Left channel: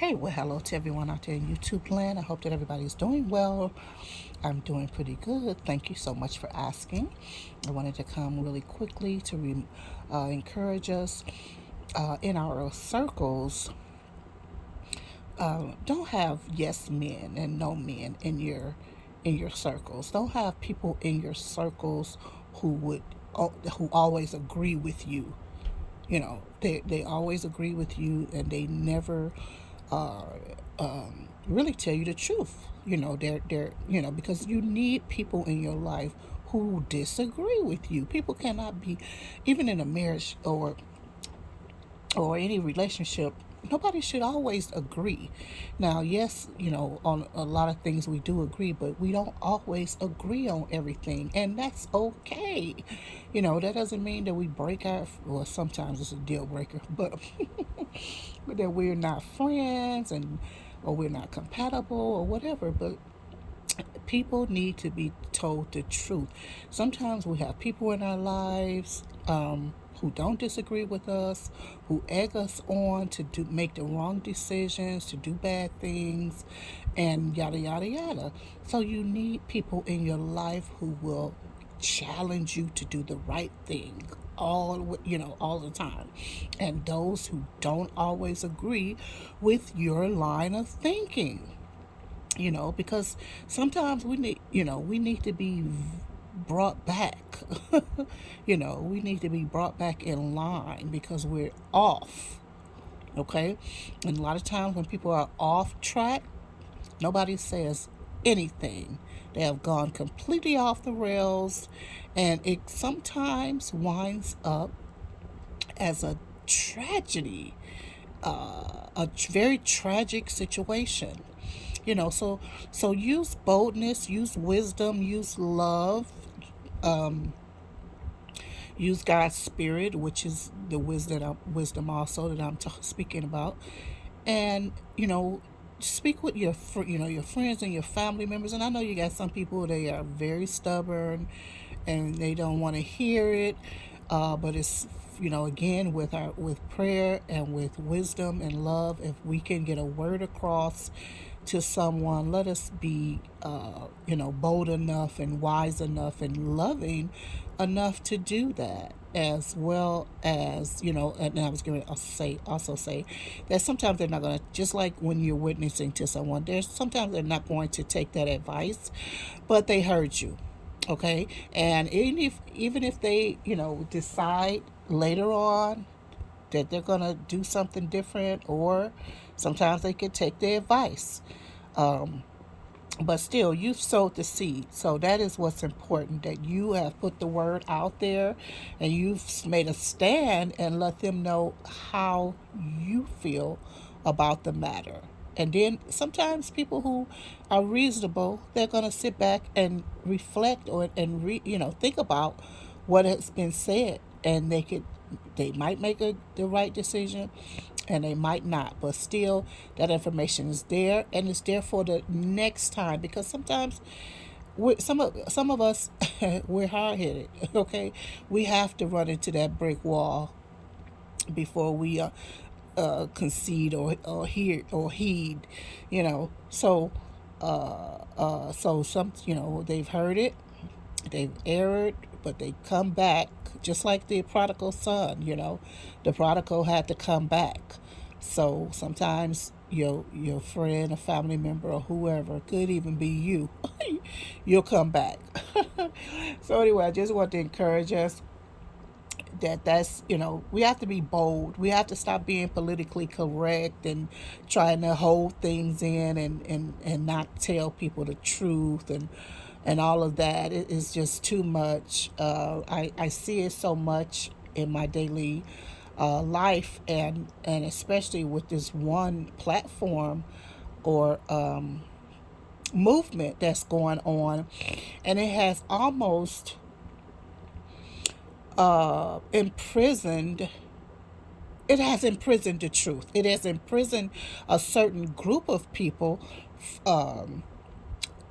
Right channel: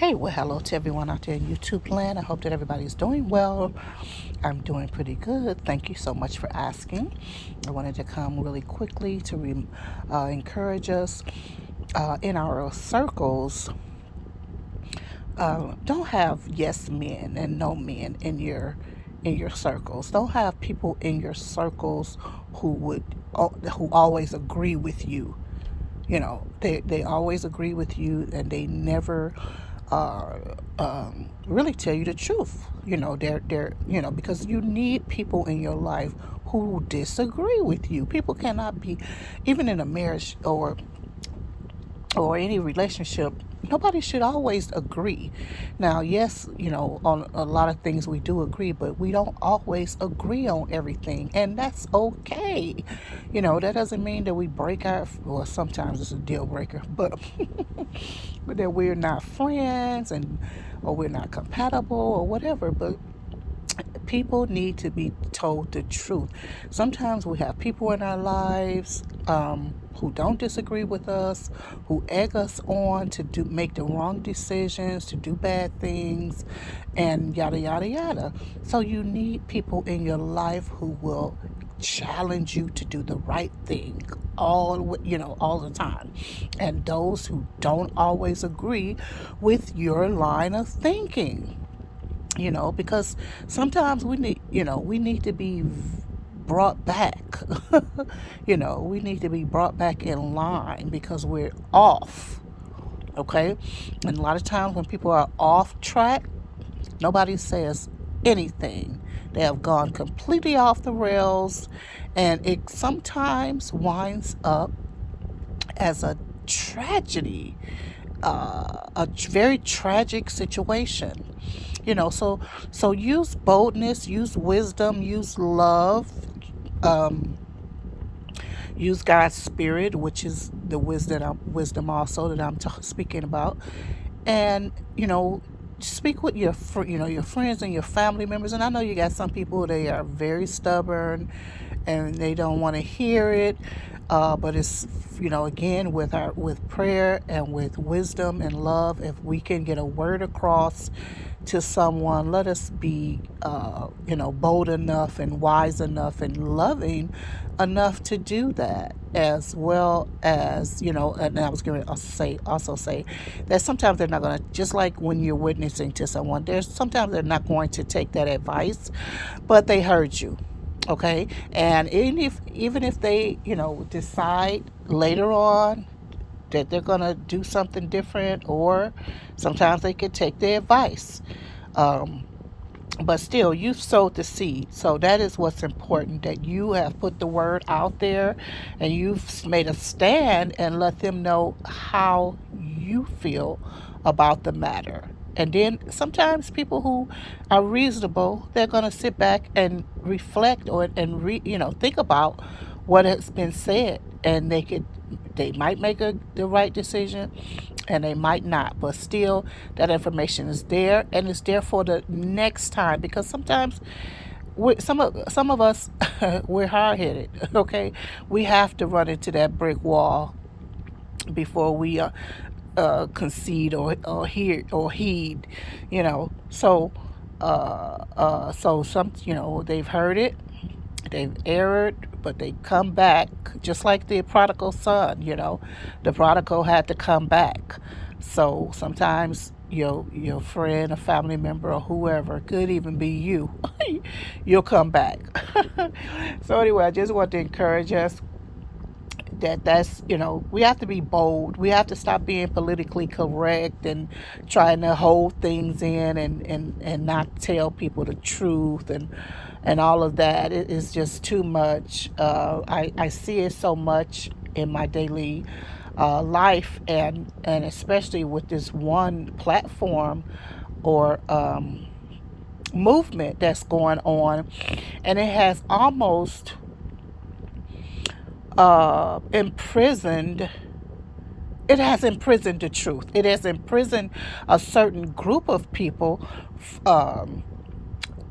Hey, well, hello to everyone out there in YouTube land. I hope that everybody's doing well. I'm doing pretty good. Thank you so much for asking. I wanted to come really quickly to encourage us in our circles. Don't have yes men and no men in your circles. Don't have people in your circles who always agree with you. They always agree with you, and they never uh, really tell you the truth. They're because you need people in your life who disagree with you. People cannot be, even in a marriage or any relationship, nobody should always agree. Now, yes, on a lot of things we do agree, but we don't always agree on everything, and that's okay. That doesn't mean that we break our, well, sometimes it's a deal breaker, but but that we're not friends and or we're not compatible or whatever. But people need to be told the truth. Sometimes we have people in our lives who don't disagree with us, who egg us on to make the wrong decisions, to do bad things, and yada yada yada. So you need people in your life who will challenge you to do the right thing all the time, and those who don't always agree with your line of thinking, because sometimes we need to be brought back. We need to be brought back in line because we're off. Okay. And a lot of times when people are off track, nobody says anything. They have gone completely off the rails, and it sometimes winds up as a tragedy, a very tragic situation. So use boldness, use wisdom, use love, um, use God's spirit, which is the wisdom also that I'm speaking about, and speak with your friends and your family members. And I know you got some people, they are very stubborn and they don't want to hear it, but it's again, with prayer and with wisdom and love, if we can get a word across to someone, let us be bold enough and wise enough and loving enough to do that, as well as, and I was going to say that sometimes they're not going to, just like when you're witnessing to someone, there's sometimes they're not going to take that advice, but they heard you. Okay. And even if they decide later on that they're going to do something different, or sometimes they could take the advice, um, but still, you've sowed the seed. So that is what's important, that you have put the word out there and you've made a stand and let them know how you feel about the matter. And then sometimes people who are reasonable, they're going to sit back and reflect, think about what has been said, and they might make the right decision, and they might not, but still that information is there, and it's there for the next time, because sometimes some of us we're hard-headed. Okay, we have to run into that brick wall before we concede or heed, so some, they've heard it, they've erred, but they come back, just like the prodigal son. The prodigal had to come back. So sometimes your friend, a family member, or whoever, could even be you. You'll come back. So anyway, I just want to encourage us that's we have to be bold. We have to stop being politically correct and trying to hold things in, and not tell people the truth, and all of that. It is just too much. I see it so much in my daily life, and especially with this one platform or movement that's going on, and it has almost imprisoned. It has imprisoned the truth. It has imprisoned a certain group of people, um,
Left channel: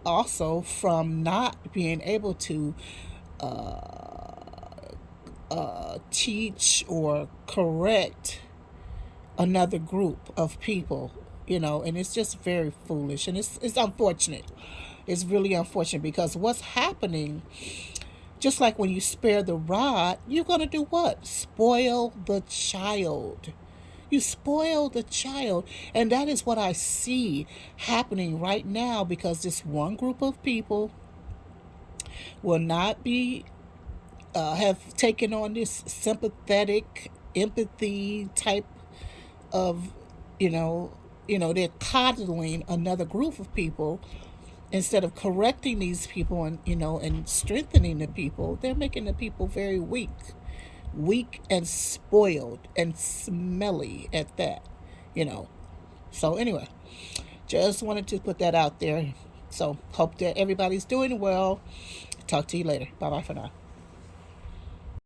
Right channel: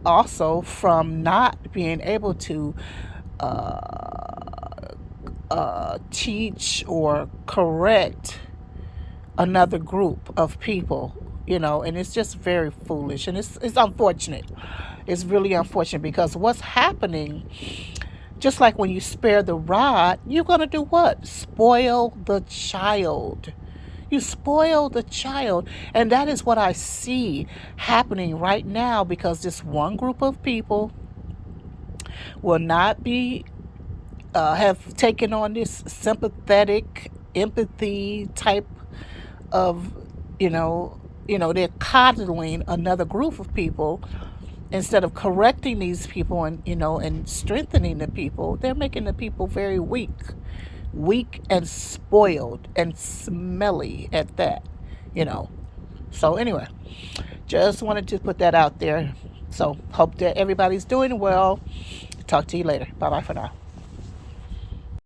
also, from not being able to teach or correct another group of people. and it's just very foolish, and it's unfortunate. It's really unfortunate because what's happening, just like when you spare the rod, you're going to do what? Spoil the child. You spoil the child. And that is what I see happening right now, because this one group of people will not be have taken on this sympathetic empathy type of, they're coddling another group of people instead of correcting these people, and strengthening the people. They're making the people very weak and spoiled and smelly at that, you know. So anyway, just wanted to put that out there. So hope that everybody's doing well. Talk to you later. Bye bye for now.